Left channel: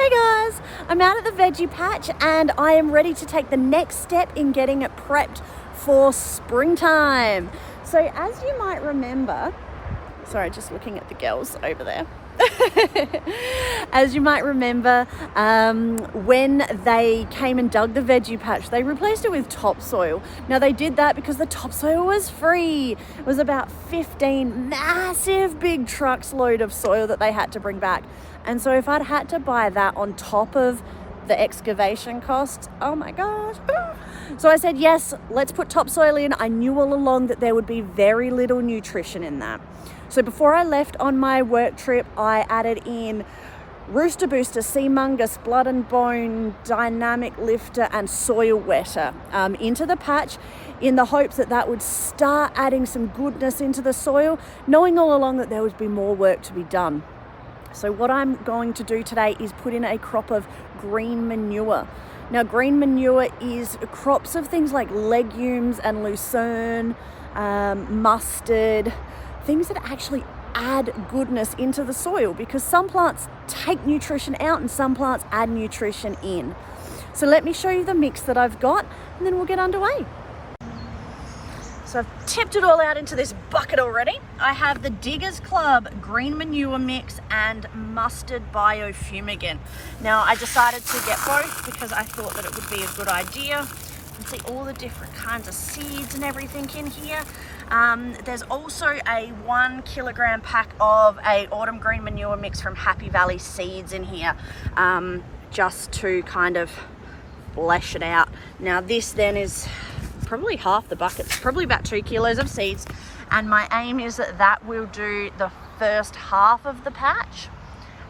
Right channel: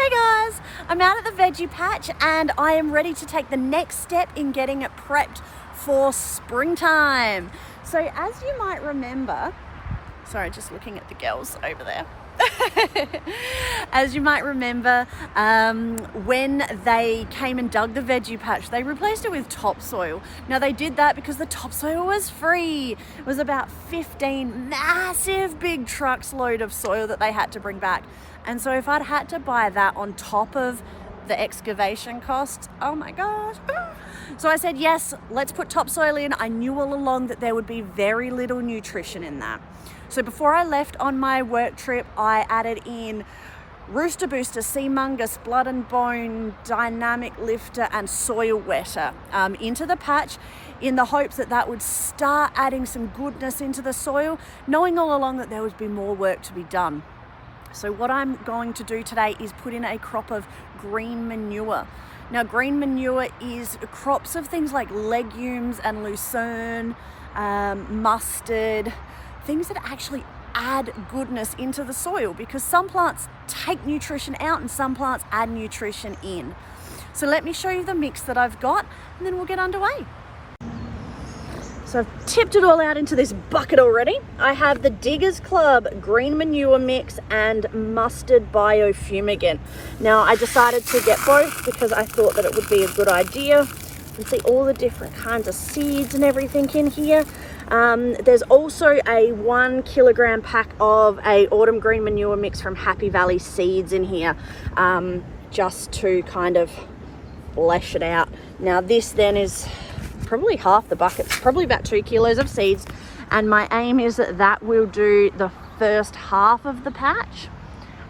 Hey guys, I'm out at the veggie patch and I am ready to take the next step in getting it prepped for springtime. So as you might remember, sorry, just looking at the girls over there. As you might remember, when they came and dug the veggie patch, they replaced it with topsoil. Now they did that because the topsoil was free. It was about 15 massive big trucks load of soil that they had to bring back. And so if I'd had to buy that on top of the excavation costs, oh my gosh. So I said, yes, let's put topsoil in. I knew all along that there would be very little nutrition in that. So before I left on my work trip, I added in Rooster Booster, Sea Mungus, Blood and Bone, Dynamic Lifter and Soil Wetter into the patch in the hopes that that would start adding some goodness into the soil, knowing all along that there would be more work to be done. So what I'm going to do today is put in a crop of green manure. Now green manure is crops of things like legumes and lucerne, mustard, things that actually add goodness into the soil, because some plants take nutrition out and some plants add nutrition in. So let me show you the mix that I've got and then we'll get underway. So I've tipped it all out into this bucket already. I have the Diggers Club green manure mix and mustard biofumigant. Now I decided to get both because I thought that it would be a good idea. You can see all the different kinds of seeds and everything in here. There's also a 1 kilogram pack of a autumn green manure mix from Happy Valley Seeds in here, just to kind of flesh it out. Now this then is probably half the bucket, probably about 2 kilos of seeds, and my aim is that that will do the first half of the patch,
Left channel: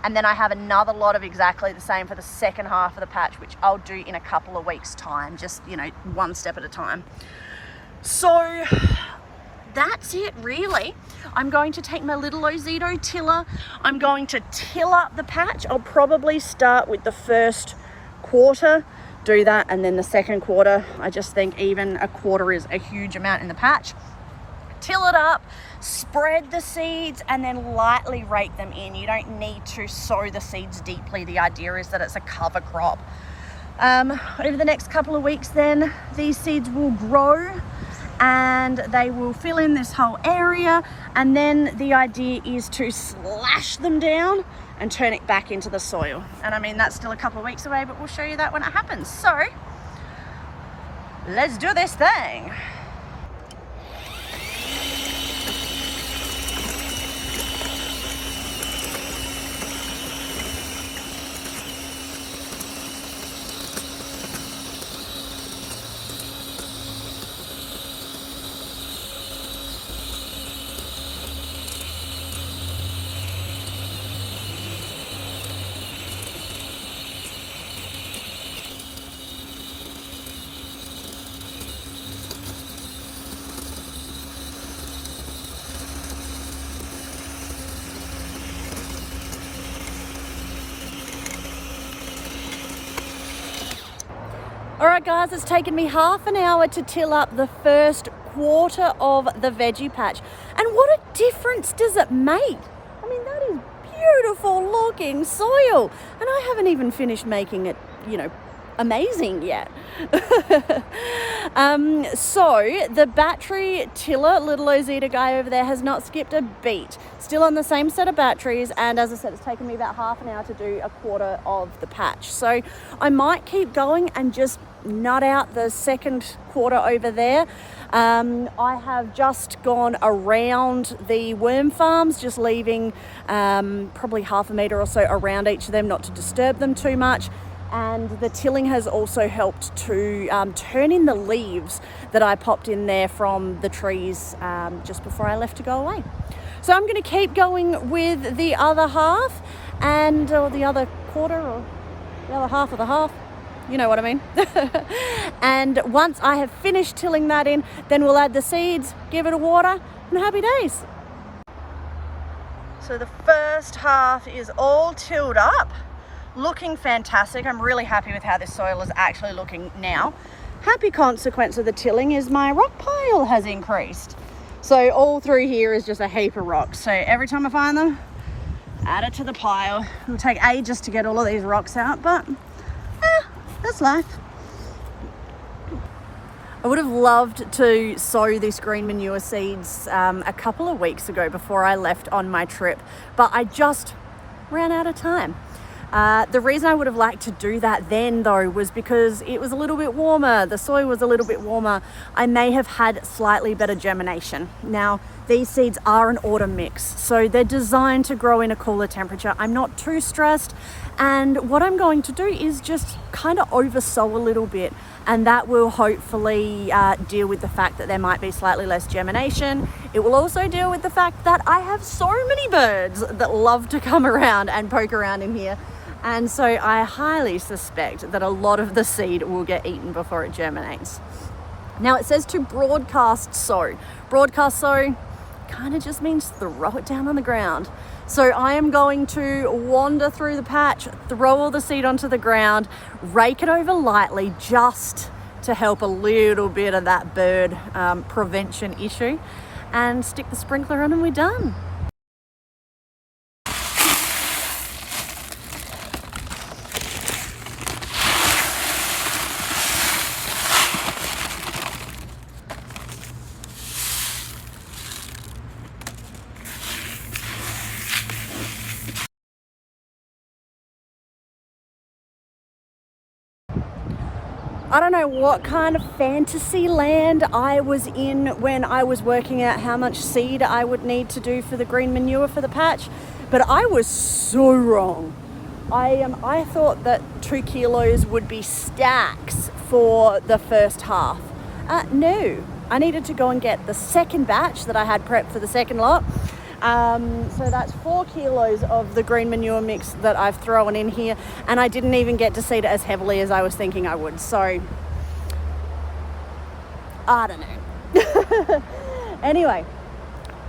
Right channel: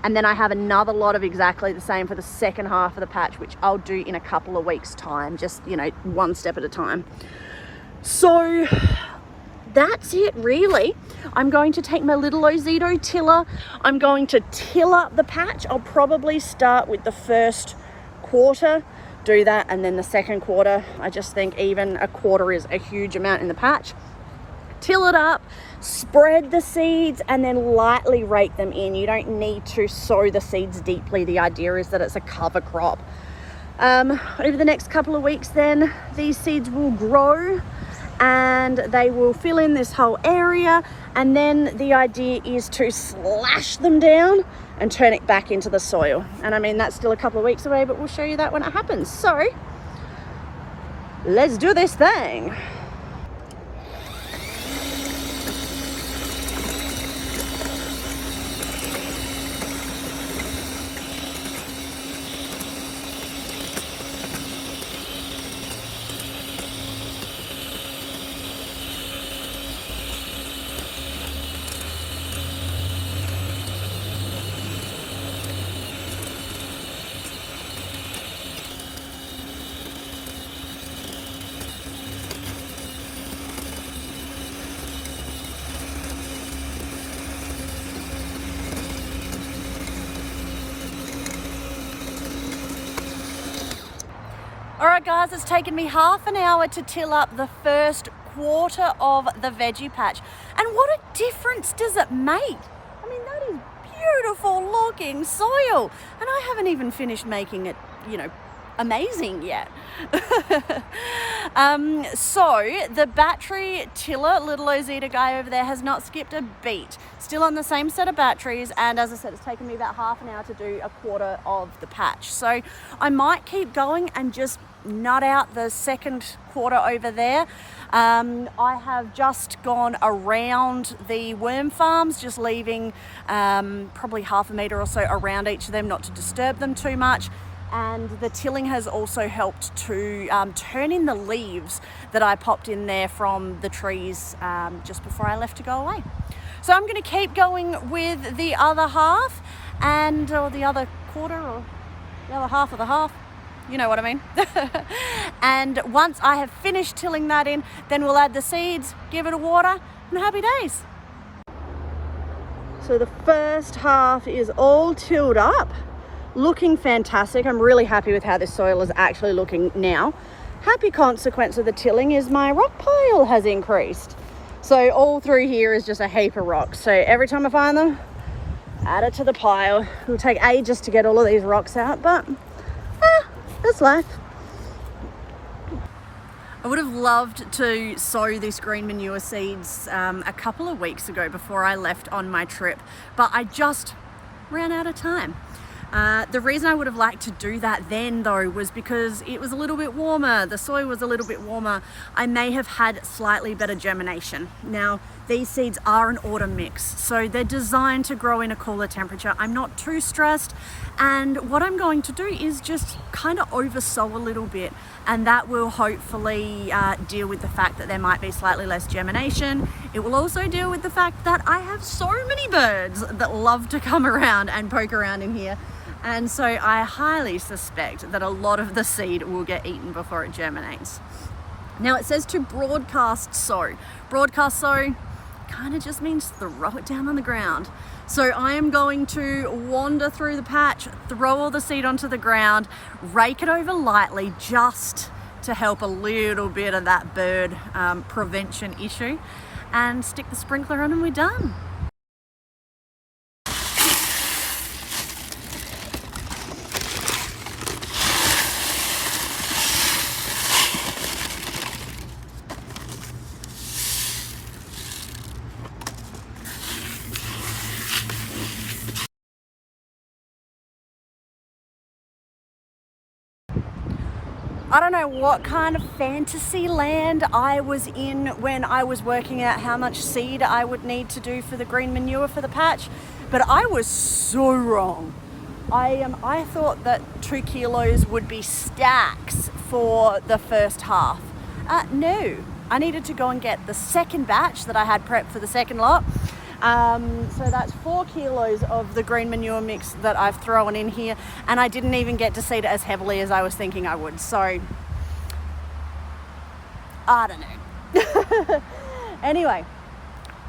and then I have another lot of exactly the same for the second half of the patch, which I'll do in a couple of weeks time, just, you know, one step at a time. So that's it really. I'm going to take my little Ozito tiller. I'm going to till up the patch. I'll probably start with the first quarter, do that, and then the second quarter, I just think even a quarter is a huge amount in the patch. Till it up, spread the seeds, and then lightly rake them in. You don't need to sow the seeds deeply. The idea is that it's a cover crop. Over the next couple of weeks then, these seeds will grow and they will fill in this whole area, and then the idea is to slash them down and turn it back into the soil. And I mean, that's still a couple of weeks away, but we'll show you that when it happens. So let's do this thing. Alright guys, it's taken me half an hour to till up the first quarter of the veggie patch. And what a difference does it make? I mean, that is beautiful looking soil. And I haven't even finished making it, you know, amazing yet. So the battery tiller, little Ozito guy over there, has not skipped a beat. Still on the same set of batteries, and as I said, it's taken me about half an hour to do a quarter of the patch. So I might keep going and just nut out the second quarter over there. I have just gone around the worm farms, just leaving probably half a metre or so around each of them, not to disturb them too much. And the tilling has also helped to turn in the leaves that I popped in there from the trees just before I left to go away. So I'm going to keep going with the other half, or the other quarter, or the other half of the half. You know what I mean. And once I have finished tilling that in, then we'll add the seeds, give it a water, and happy days. So the first half is all tilled up. Looking fantastic. I'm really happy with how this soil is actually looking now. Happy consequence of the tilling is my rock pile has increased. So all through here is just a heap of rocks. So every time I find them, add it to the pile. It'll take ages to get all of these rocks out, but that's life. I would have loved to sow this green manure seeds a couple of weeks ago before I left on my trip, but I just ran out of time. The reason I would have liked to do that then though was because it was a little bit warmer, the soil was a little bit warmer. I may have had slightly better germination. Now these seeds are an autumn mix, so they're designed to grow in a cooler temperature. I'm not too stressed, and what I'm going to do is just kind of oversow a little bit, and that will hopefully deal with the fact that there might be slightly less germination. It will also deal with the fact that I have so many birds that love to come around and poke around in here. And so I highly suspect that a lot of the seed will get eaten before it germinates. Now it says to broadcast sow. Broadcast sow kind of just means throw it down on the ground. So I am going to wander through the patch, throw all the seed onto the ground, rake it over lightly just to help a little bit of that bird prevention issue, and stick the sprinkler on and we're done. I don't know what kind of fantasy land I was in when I was working out how much seed I would need to do for the green manure for the patch, but I was so wrong. I thought that 2 kilos would be stacks for the first half. No, I needed to go and get the second batch that I had prepped for the second lot. So that's 4 kilos of the green manure mix that I've thrown in here, and I didn't even get to seed it as heavily as I was thinking I would. So I don't know. Anyway,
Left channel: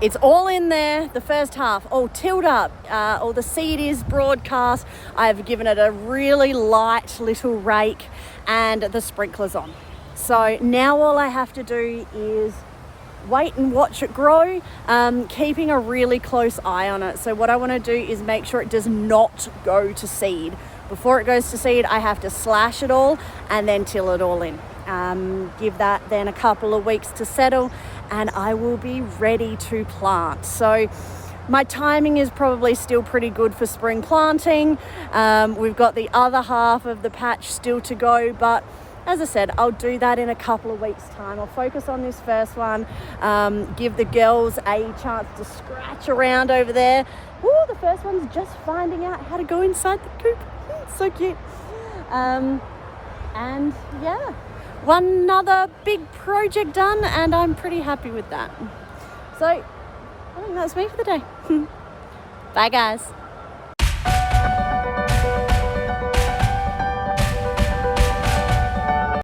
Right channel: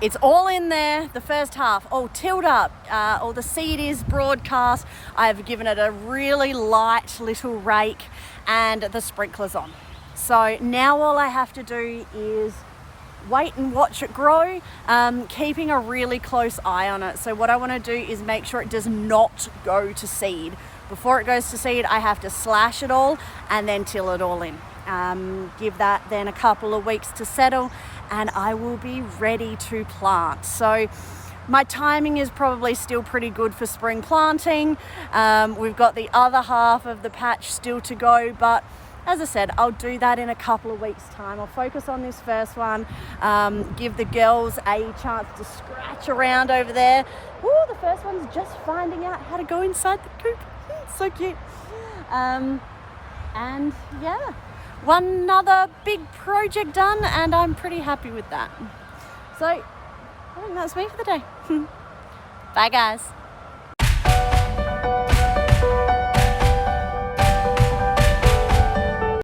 it's all in there, the first half, all tilled up, all the seed is broadcast. I have given it a really light little rake and the sprinklers on. So now all I have to do is wait and watch it grow, keeping a really close eye on it. So what I want to do is make sure it does not go to seed. Before it goes to seed, I have to slash it all and then till it all in. Give that then a couple of weeks to settle, and I will be ready to plant. So my timing is probably still pretty good for spring planting. We've got the other half of the patch still to go, but as I said, I'll do that in a couple of weeks' time. I'll focus on this first one, give the girls a chance to scratch around over there. Ooh, the first one's just finding out how to go inside the coop. So cute. And yeah, one other big project done, and I'm pretty happy with that. So I think that's me for the day. Bye guys.